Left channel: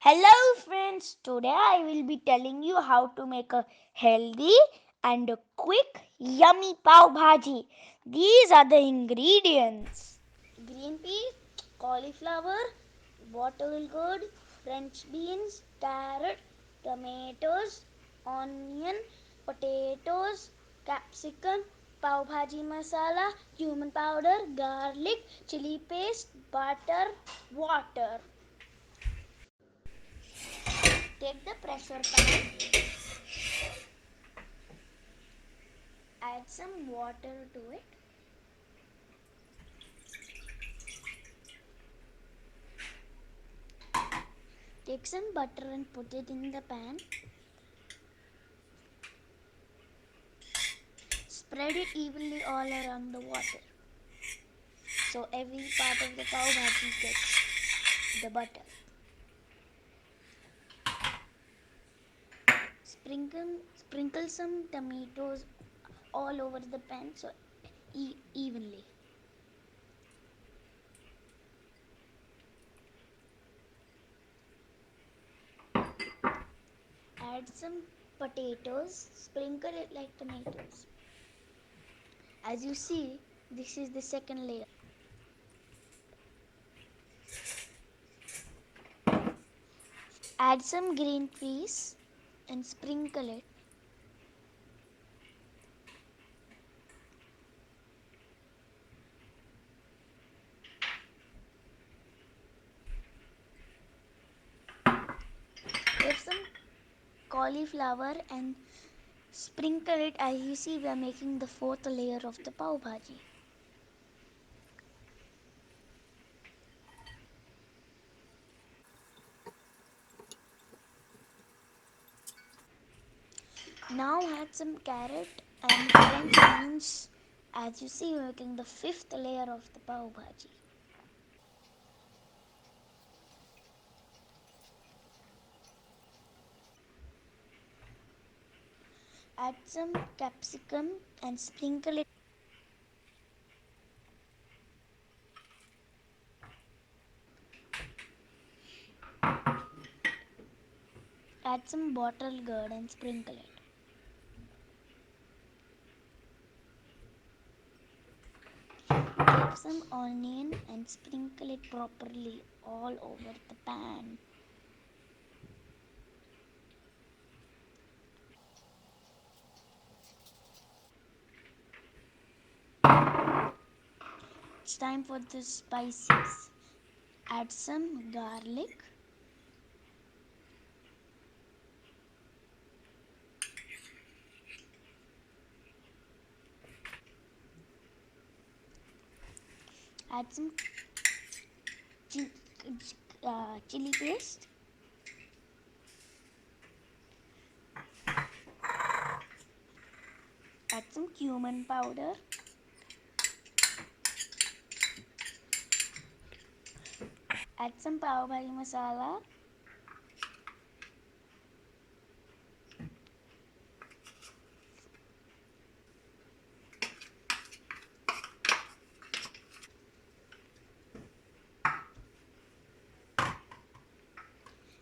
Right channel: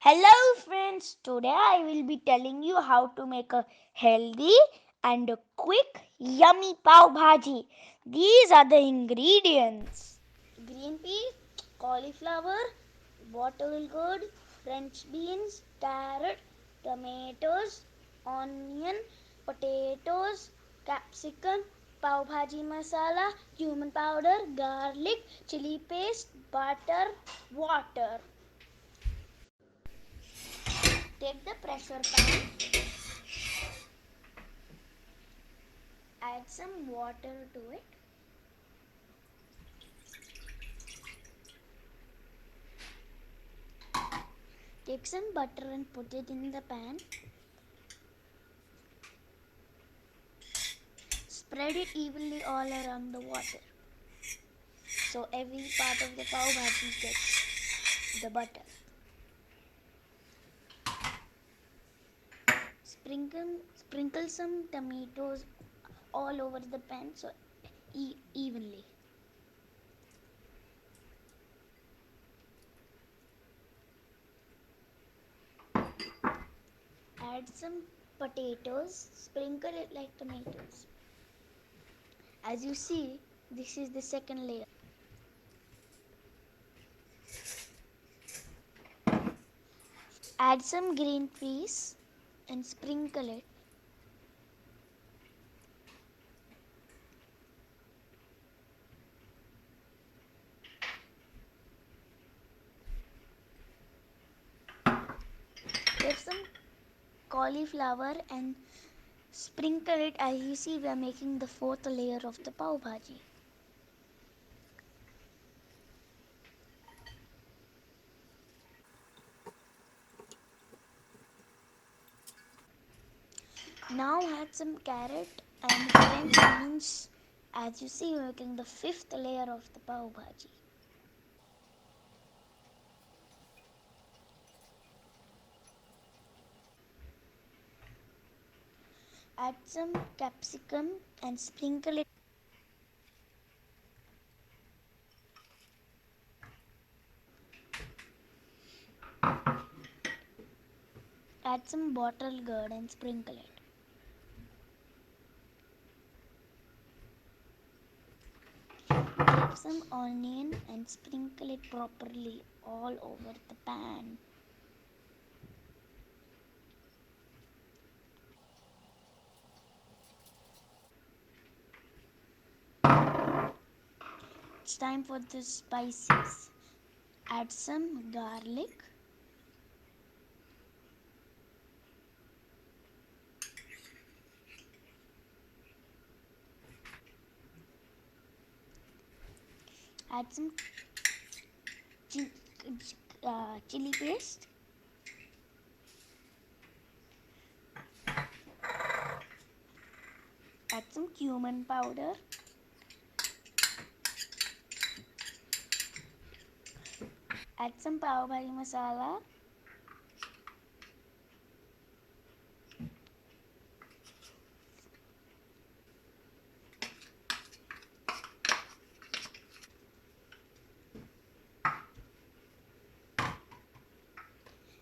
Hello friends, today I will be telling you how to make a healthy and a quick yummy pav bhaji. These are the ingredients. Green peas, cauliflower, bottle gourd, French beans, carrot, tomatoes, onion, potatoes, capsicum, pav bhaji masala, cumin powder, garlic, chili paste, butter, water. Take the pressure pan, add some water to it. Take some butter and put it in the pan. Spread it evenly all around the water. So every part of the pav bhaji gets the butter. Sprinkle some tomatoes all over the pan so evenly. Add some potatoes, sprinkle it like tomatoes. As you see, this is the second layer. Add some green peas and sprinkle it. Get some cauliflower and sprinkle it. As you see, we are making the fourth layer of the pav bhaji. Now add some carrot and French beans. As you see, we are making the fifth layer of the pav bhaji. Add some capsicum and sprinkle it. Add some bottle gourd and sprinkle it. Take some onion and sprinkle it properly all over the pan. It's time for the spices. Add some garlic. Add some chili paste. Add some cumin powder. Add some pav bhaji masala.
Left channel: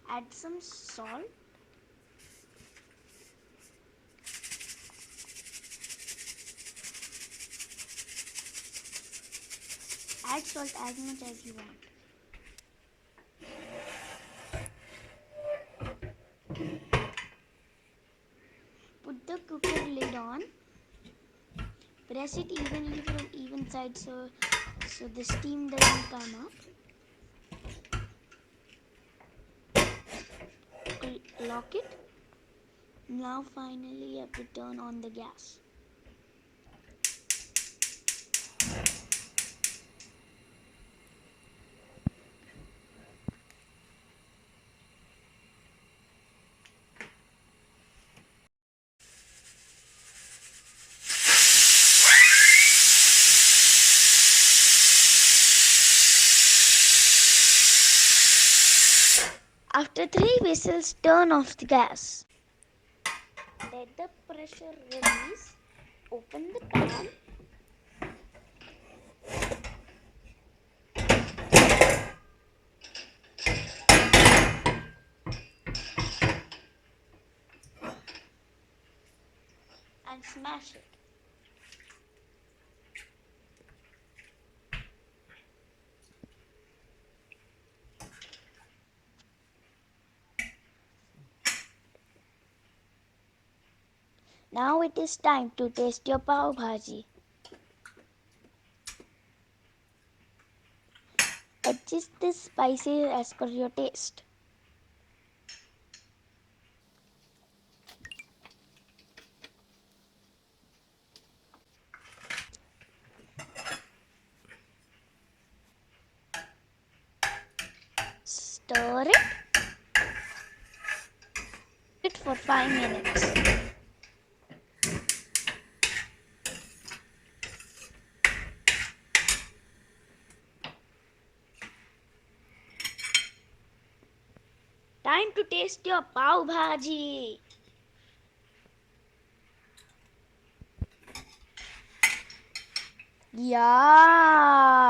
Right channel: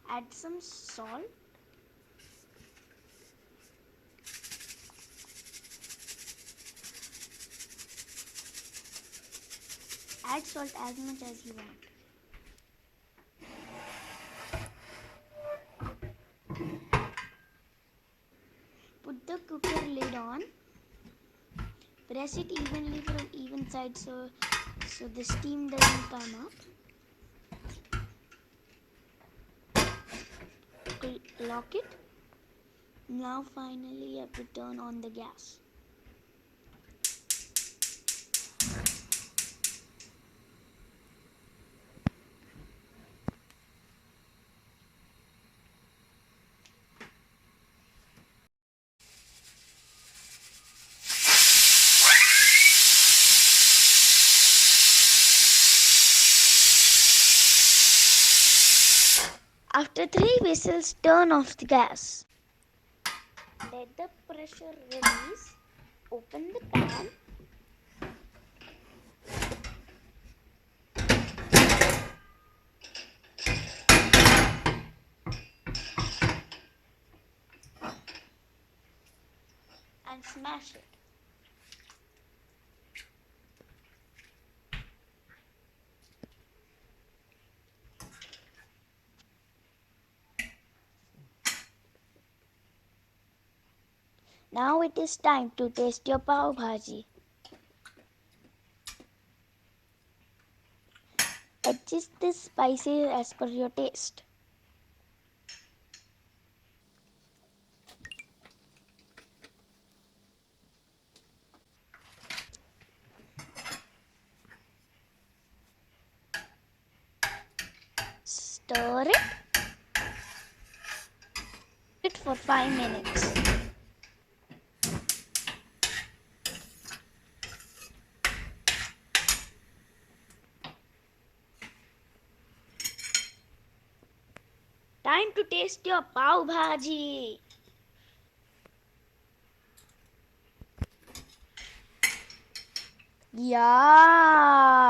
Add some salt. Add salt as much as you want. Put the cooker lid on. Press it evenly from even sides so the steam doesn't come up. Lock it. Now finally you have to turn on the gas. After 3 whistles, turn off the gas. Let the pressure release. Open the pan. smash it. Now it is time to taste your Pav Bhaji. Adjust the spices as per your taste. Stir it for 5 minutes. Time to taste your Pav Bhaji. Yeah.